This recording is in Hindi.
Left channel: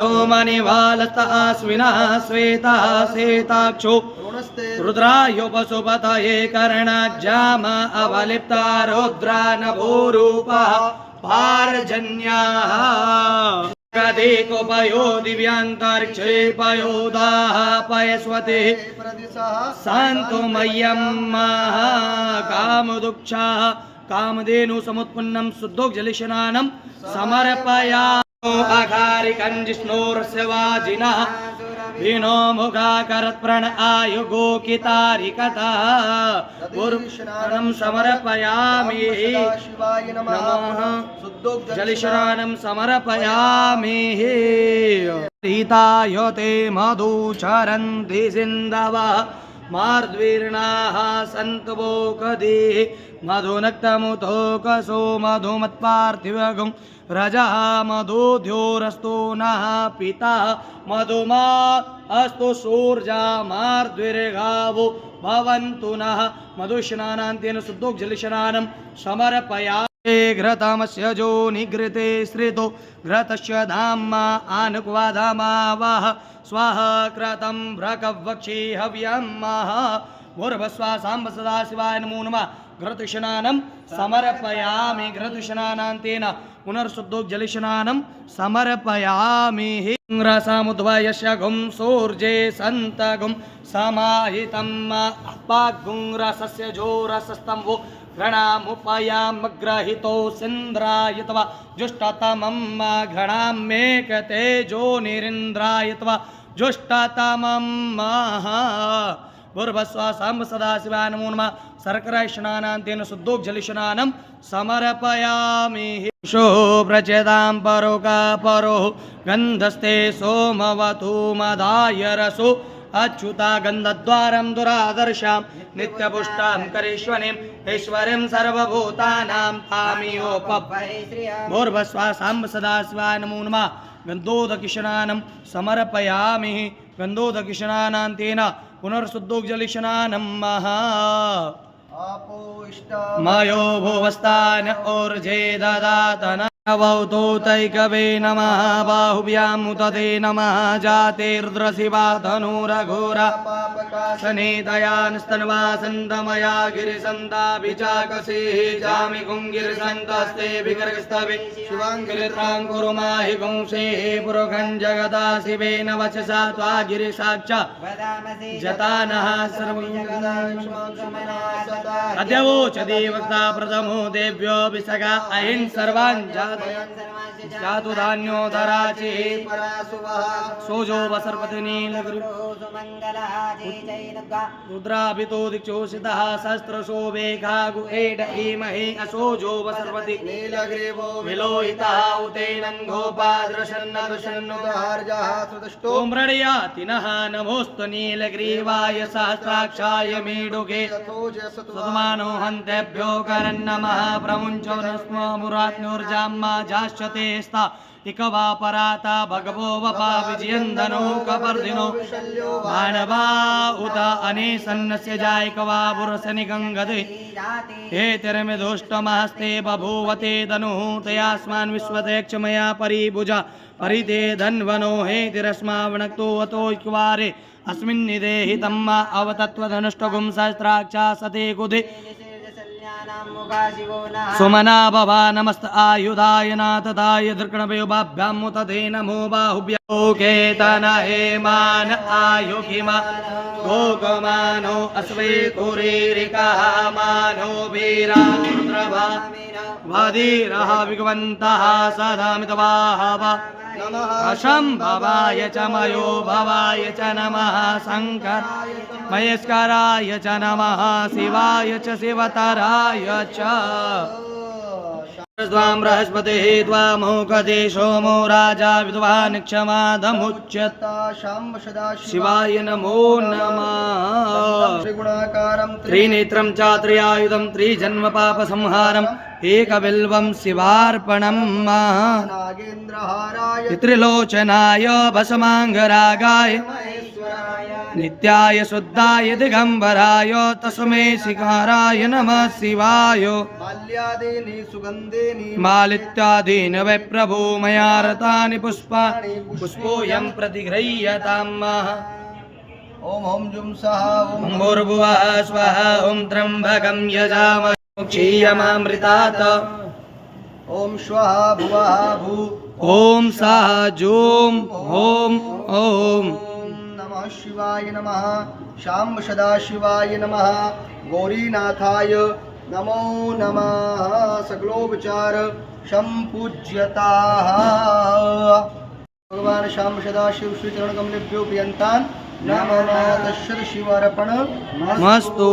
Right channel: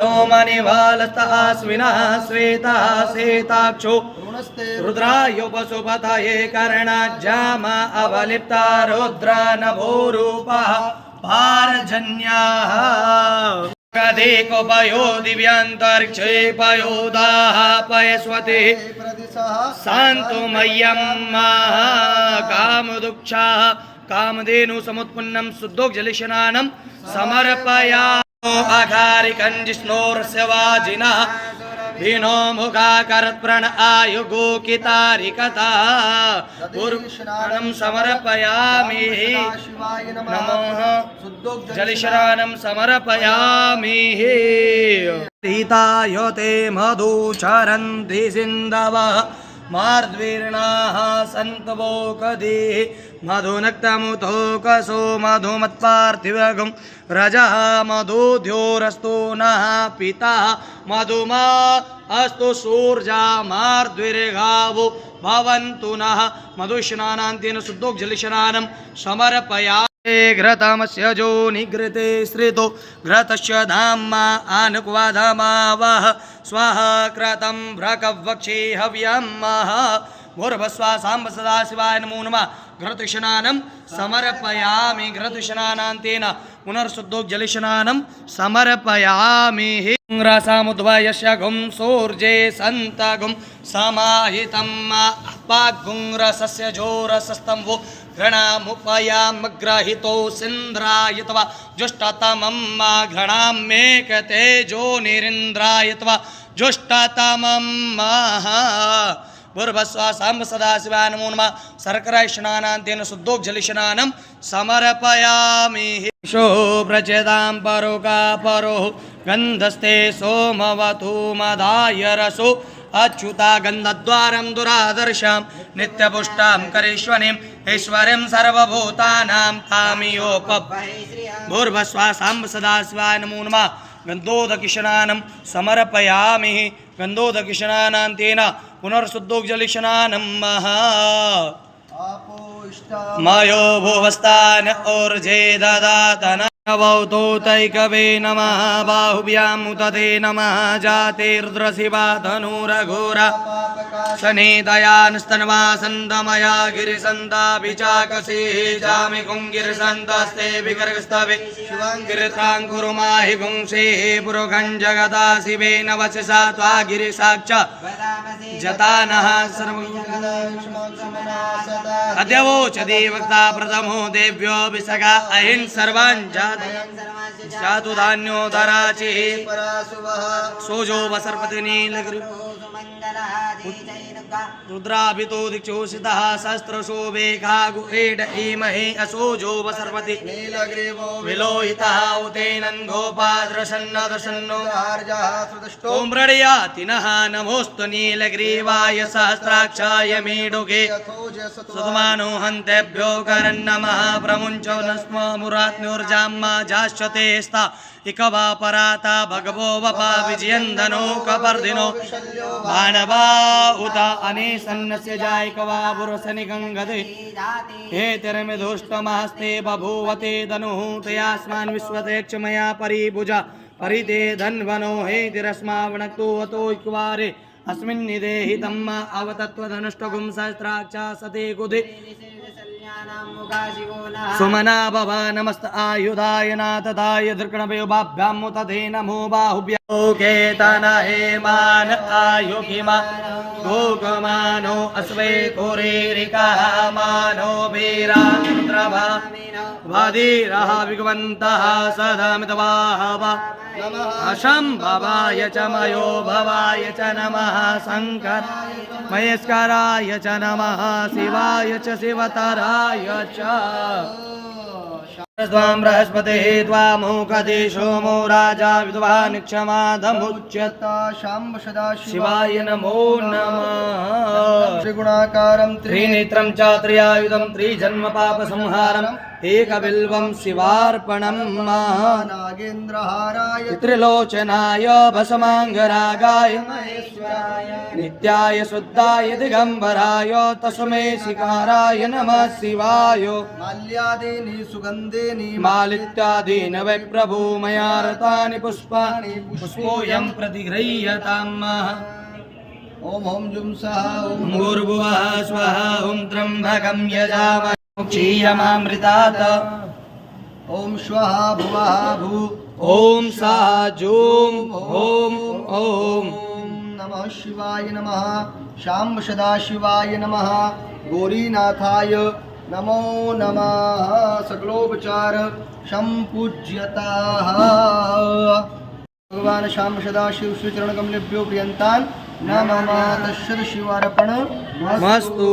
सोमनिवालस्तास्विनः श्वेतः श्वेताक्षो रुद्रायोपसुपतये कर्णज्जामा अवलिप्ता रुद्रा नभोरूपः पारजन्याः कदेकोपयो दिव्यान्तरिक्षे पयोदाः पयस्वते शान्तो मह्यं कामदुक्षाः कामधेनु समुत्पन्नं शुद्धोज्जलस्नानं समर्पयामि आघारिकञ्जिष्णोरस्य वाजिनः भीनो मुखाकरत्प्रण आयुगोकितारिकता गुरुशरणं समर्पयामि नमः जलशरणं समर्पयामि सीतायोते मधुचरन्ति सिन्धवः मार्द्वीर्णाः सन्तवोकदे मधुनक्तमुतोकसो मधुमत्पार्थिवगुं रजः मधुध्योरस्तु नः पिता मधुमा अस्तु सूर्या मार्द्वीर्गावो भवन्तु नः मधुस्नानान्तेन शुद्धोज्जलस्नानं समर्पयामि घृतमस्य जो निघृते श्रितो घृतस्य धाम्मा आनुक्वाधामावः स्वः कृतं भ्रकवक्षे हव्यमः भूर्भस्वा साम्ब सदाशिवाय नमो नमः घृतस्नानं समर्पयामि घृतस्नानान्तेन पुनर्शुद्धोज्जलस्नानं समर्पयामि रसमुद्वयस्य गुं सूर्ये सन्तगुं समाहितं पाग्गुं रसस्य जोरसस्तम्भो घृणामुपयामग्रहितो सिन्द्रायित्वा जुष्टतमं घृणामेकतेजो निरिन्द्रायित्वा जुष्टतमं भूर्भस्व साम्ब सदाशिवाय नमो नमः शर्करास्नानान्तेन शुद्धोज्जलस्नानं समर्पयामि प्रचेतां परोका परो गन्धस्ते सोमवतु मदाय रसो अच्युता गन्धद्वारं दुरादर्शां नित्यपुष्टां करेश्वरीं ऐश्वर्यं सर्वभूतानां तामियोपप भूर्भस्व साम्ब सदाशिवाय नमो नमः गन्धोदकस्नानं समर्पयामि गन्धोदकस्नानान्तेन पुनर्शुद्धोज्जलस्नानं मयो भुवस्तान ऊर्जे ददातन नवौतो तैकवे नमः बाहुभ्यां मुदते नमः जातेर्द्रशिवा धनुरघोरा शनिदयानस्तन्वा सन्दमया गिरिसन्दाभिचाकसी जामि कुङ्गिरिसन्तस्ते विगर्गस्तवे गिरित्राङ्कुरुमाहि गुंसेः पुरुखं जगदा शिवेन वचसा त्वा गिरिसाक्षा जतानः सर्वं अद्यवोचति वक्ता प्रथमो देव्यो विसगा अहिं सर्वान् जातु धान्योदराचि सोजो वसर्पति नीलगिरि रुद्राभितो दिक्षोषितः सहस्रशो वेघागु एड ईमहे असोजो वसर्पति विलोहितः उतेनं गोपाद्रसन्नदसन्नो ॐ मृडयाति नः नमोऽस्तु नीलग्रीवाय सहस्राक्षाय मीडुगे सुतमानो हन्तेभ्यो करन्नमः प्रमुञ्चो न स्म मुरात्न्योर्जाम्मा जाश्चते स्था इकवा पराता भगवो वपा विजयन्दनो कपर्दिनो मानवा उत अनेसन्नस्य जायकवा पुरसनिगङ्गदे हे तिरमिधुष्टमहस्ते बभूवते धनुः तयास्मान् विश्वते क्षमया परिभुजा परिते धन्वनो हे तिरस्मावणक्तो अतो इक्वारे अस्मिन् निदेहि तम्मा अवतत्वधनुष्टगुं सहस्राक्षा सते कुधे सुमना भवा नमस्त आयुधाय नाथदाय धृकणभयोभाभ्यां मुतते नमो बाहुभ्यो केतन हेमान आयुगिमा गोगमानो अश्वे कुरीरिकः मानो वीरान्द्रभा वादीरः विगवन्तः सदा मितवाहवा अशम्भवाय च मयो भवाय च नमः शङ्कर महेश्वराय च नमः शिवाय च शिवतराय च स्वां बृहस्पतिः त्वामुकदे सोमो राजा विद्वान् क्षमाधमुच्यता शाम्ब शिवाय नमो नमः त्रिगुणाकारं त्रिनेत्रं च त्रियायुधं त्रिजन्म पापसंहारम् एकबिल्वं शिवार्पणम् नागेन्द्रहाराय त्रिलोचनाय भस्माङ्गरागाय नित्याय शुद्धाय दिगम्बराय तस्मै शिकाराय नमः शिवाय माल्यादीनि सुगन्धेनि मालित्यादीन् वै प्रभु मया रतानि पुष्पाणि पुष्पोऽयं प्रतिगृह्यताम् ओम ओम जुम सः ओम भूर्भुवः स्वः ॐ त्र्यम्बकं यजामहे क्षीयमामृतात् ओम श्वः भुवः भू ॐ सा जूं ॐ ॐ नमः शिवाय नमः शाम सदाशिवाय नमः गौरीनाथाय नमो नमः सकलोपचार संपूज्यताः भगवान श्याम सदाशिव श्री चरण कमलेभ्यो प्रियंतान नमः तस्य शिवार्पण मस्तु